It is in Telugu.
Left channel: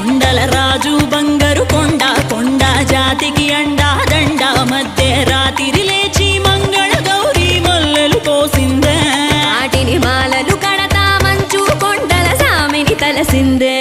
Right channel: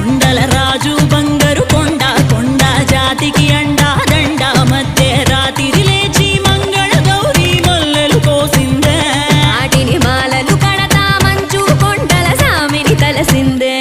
కొండల రాజు బంగారు కొండ కొండ జాతికి అండా దండ మధ్య రాత్రి లేచి మంగళ గౌరీ మొల్లలు కోసిందే వాటిని మాలలు కడతా మంచు కొండల సామిని తలసిందే